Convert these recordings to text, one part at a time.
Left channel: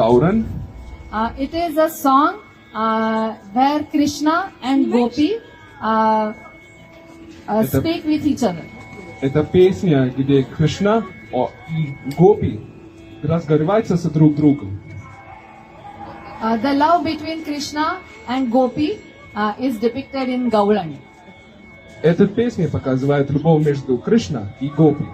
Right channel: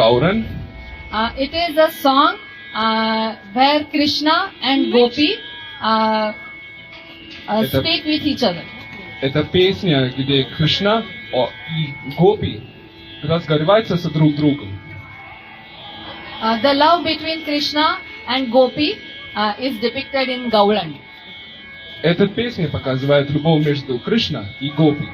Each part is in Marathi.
Gauran. It is a song where Krishna and Gopi speak with each other. Это песня, где Кришна и Гопи разговариваются с друг другом. The love between Krishna and Gopi is depicted in Gauran. Эта песня показывает любовь между Кришна и Гопи.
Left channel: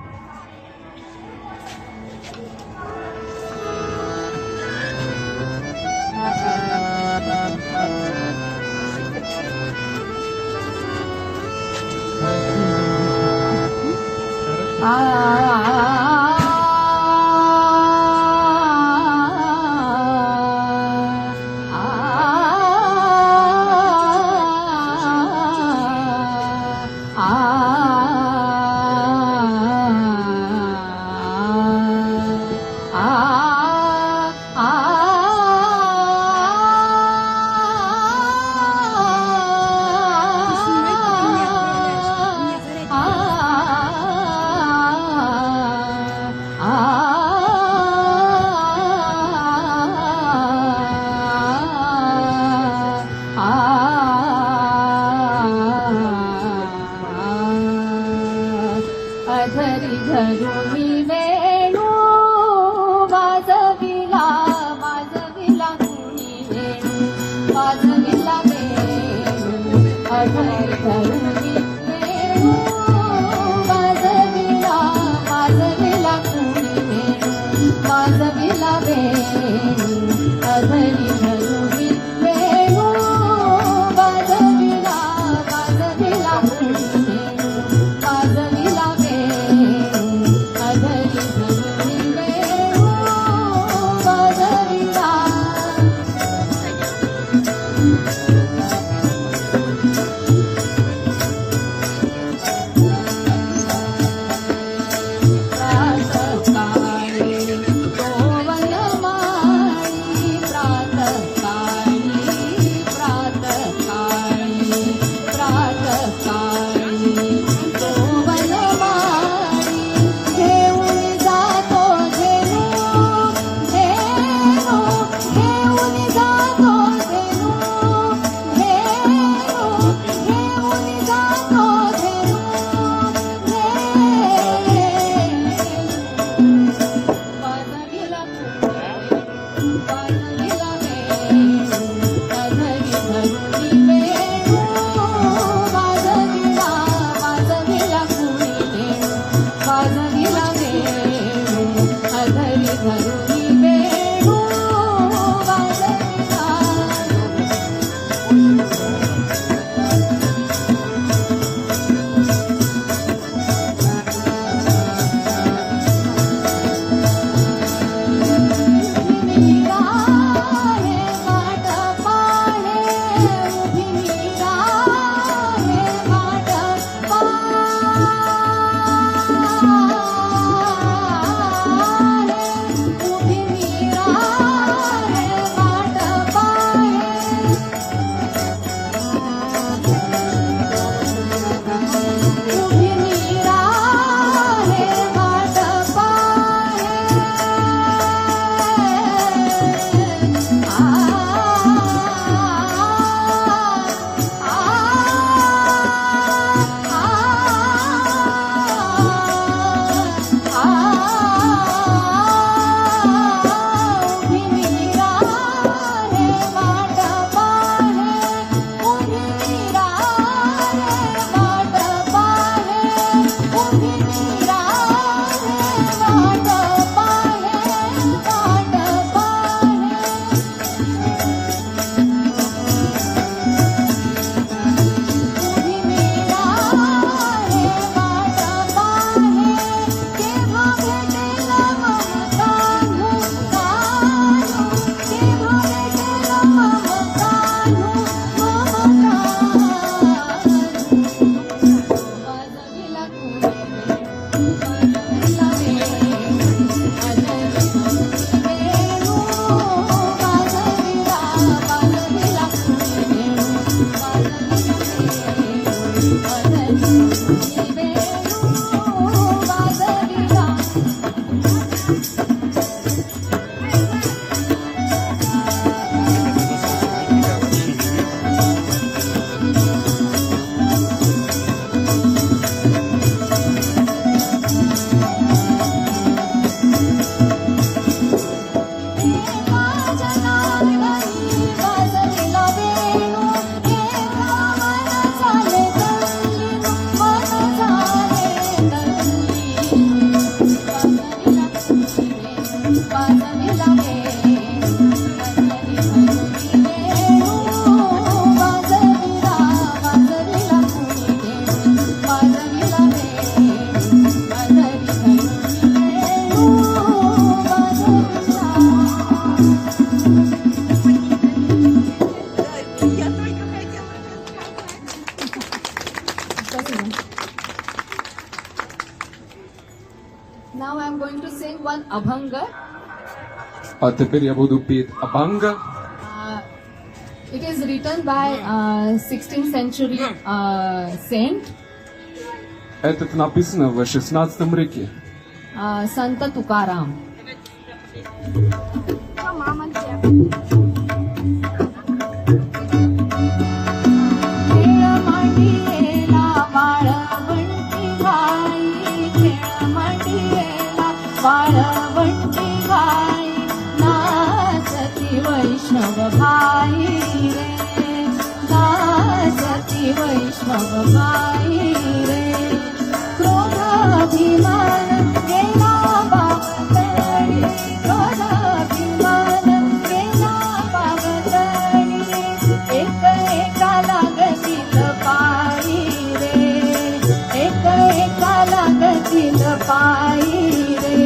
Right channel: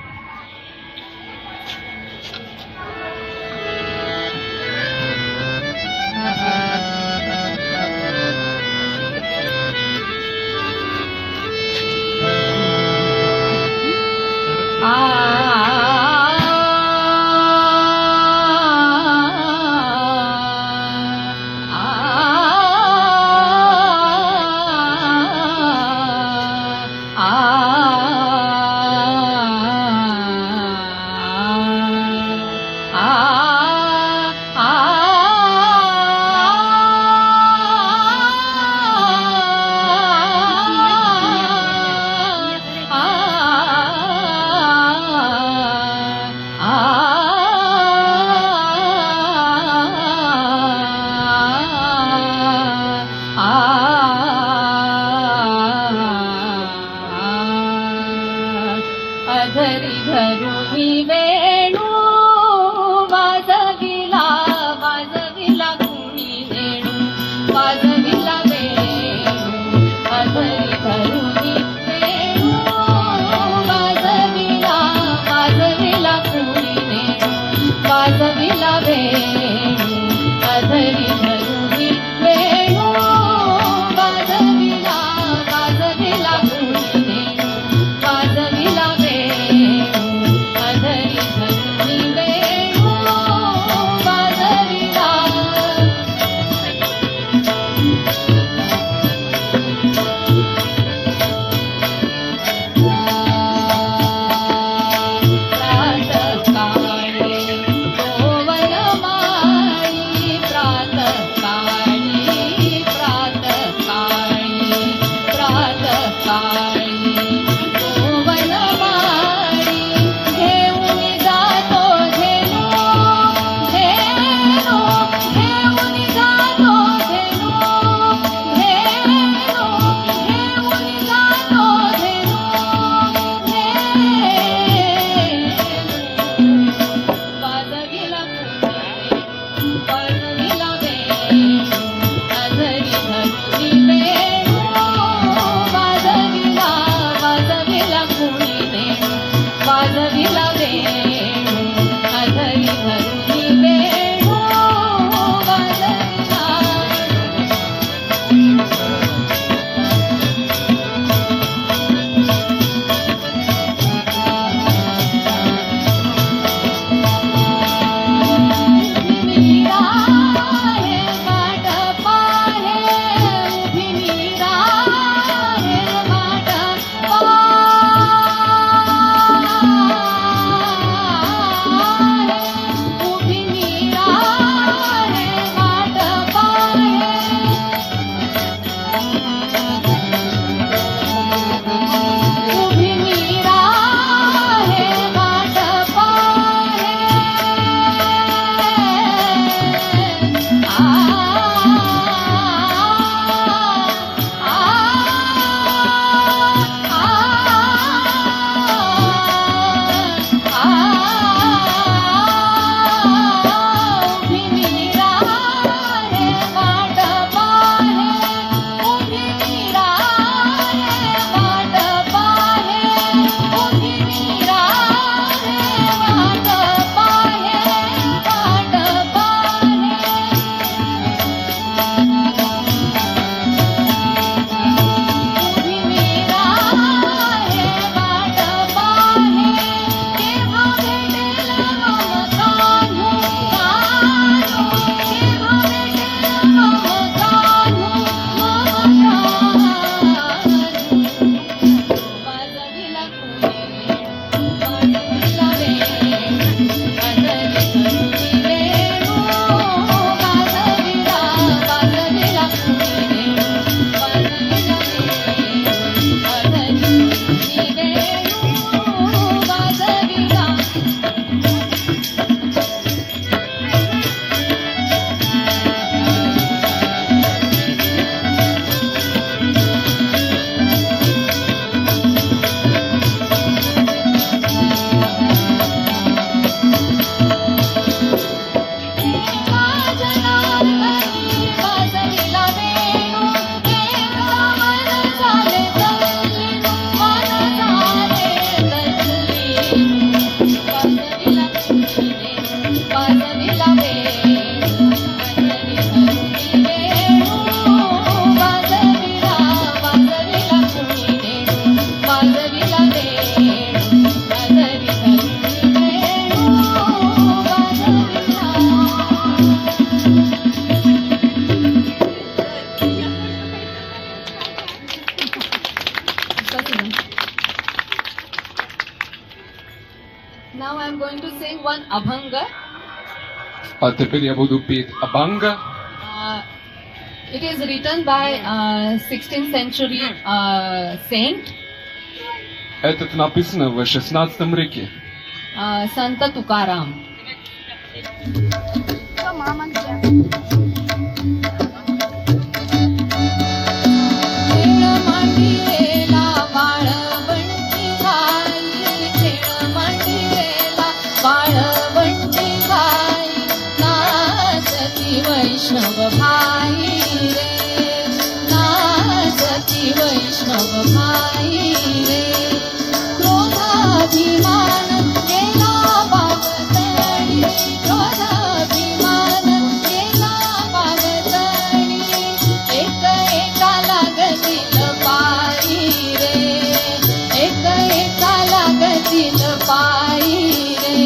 teper je budu pet Abanga. It is written by 16th century saint Этот написано в 16 веке. Sant Tukaram. खेळ मांडीला वाळवंटी गाई, खेळ मांडीला वाळवंटी गाई, नाचती वैष्णव भाई रे, नाचती वैष्णव भाई रे. क्रोधाभिमान गेला बागतळी, क्रोधाभिमान गेला बागतळी, एक एका लागतील पायी रे, एक एका लागतील पायी रे.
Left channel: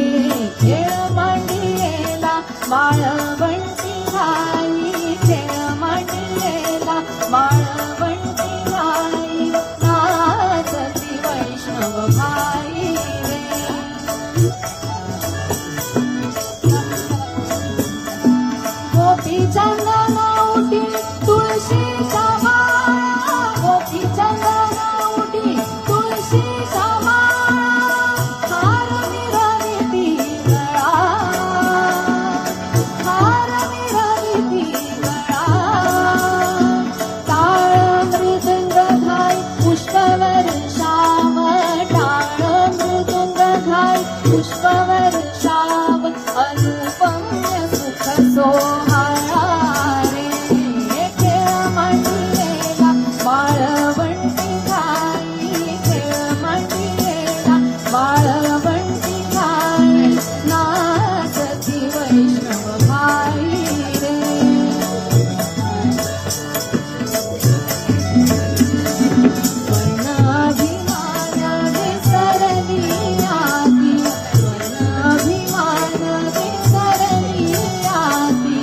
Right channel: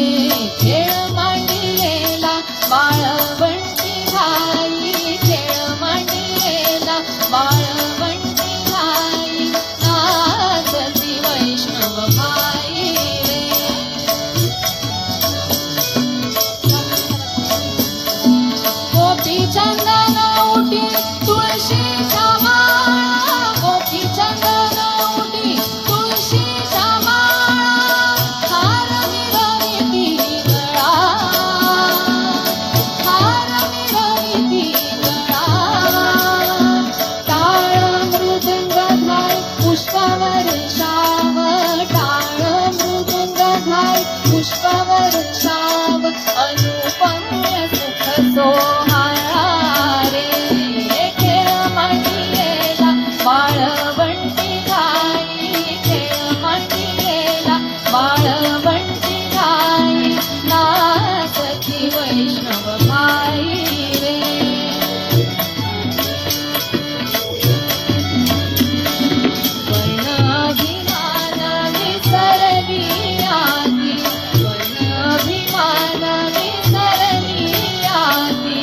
खेळ मांडीला वाळवंटी गाई, खेळ मांडीला वाळवंटी गाई, नाचती वैष्णव भाई रे. गोपी चंदन उठी तुळशीच्या माळा, गोपी चंदन उठी तुळशीच्या माळा, हार मिरविती गळा, हार मिरविती गळा. टाळ मृदुंग घाल पुष्पवृक्षाव, टाळ मृदुंग घाल पुष्पवृक्षाव, अनुपम्य सुख सोहळा रे. खेळ मांडीला वाळवंटी गाई, खेळ मांडीला वाळवंटी गाई, नाचती वैष्णव भाई रे. वनाभिमान विसरली आती, वनाभिमान विसरली आती,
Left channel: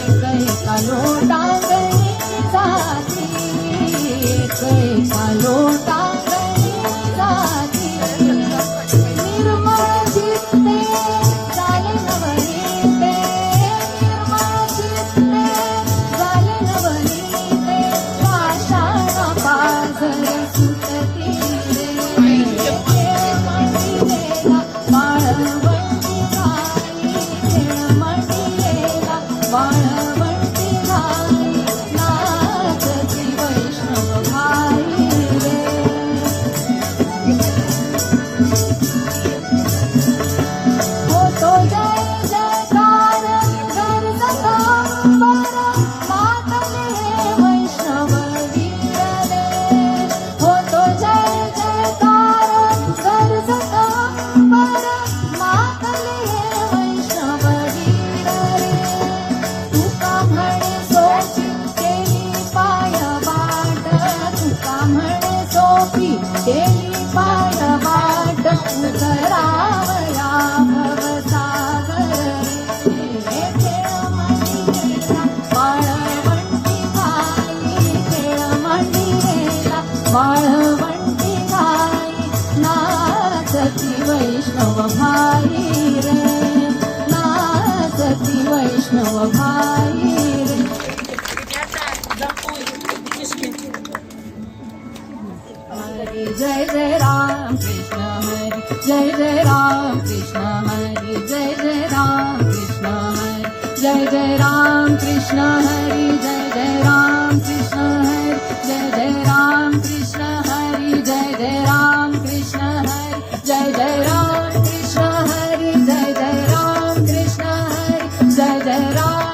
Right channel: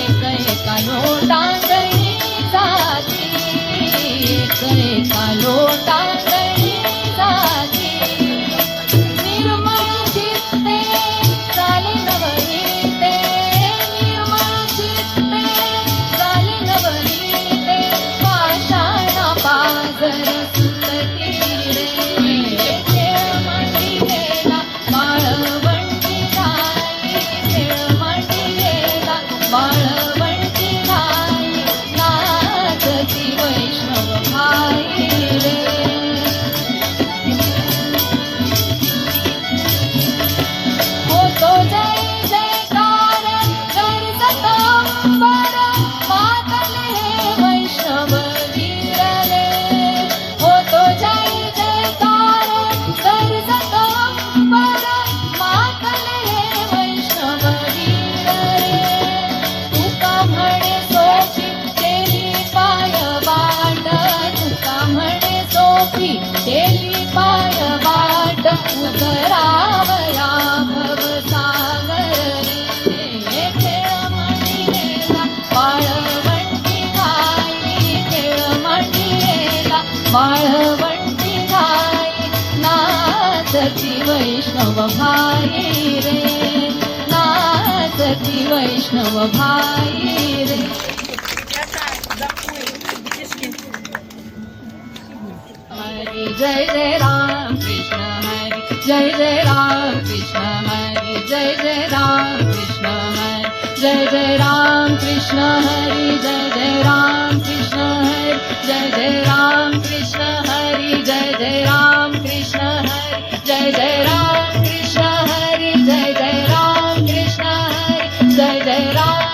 एक एका लोटांगणी जाती, एक एका लोटांगणी जाती. निर्मळ चित्ते झाले नवनीते, निर्मळ चित्ते झाले नवनीते, पाषाण पाझर सुटती रे. खेळ मांडीला वाळवंटी गाई, खेळ मांडीला वाळवंटी गाई, नाचती वैष्णव भाई रे. होतो जय जयकार गरजत अंबर, मातले हे वैष्णव वीर रे. होतो जय जयकार गरजत अंबर, मातले हे वैष्णव वीर रे. तुका म्हणे सोपी केली पाय वाट, तुका म्हणे सोपी केली पाय वाट, उतरावया भवसागर रे. खेळ मांडीला वाळवंटी गाई, खेळ मांडीला वाळवंटी गाई, नाचती वैष्णव भाई रे, नाचती वैष्णव भाई रे. हरी जय जय राम कृष्ण हरी, जय जय राम कृष्ण हरी, जय जय राम कृष्ण हरी, जय जय राम कृष्ण हरी, जय जय राम कृष्ण हरी, जय जय राम कृष्ण हरी, जय जय राम कृष्ण हरी, जय जय राम कृष्ण हरी, जय जय राम कृष्ण हरी, जय जय राम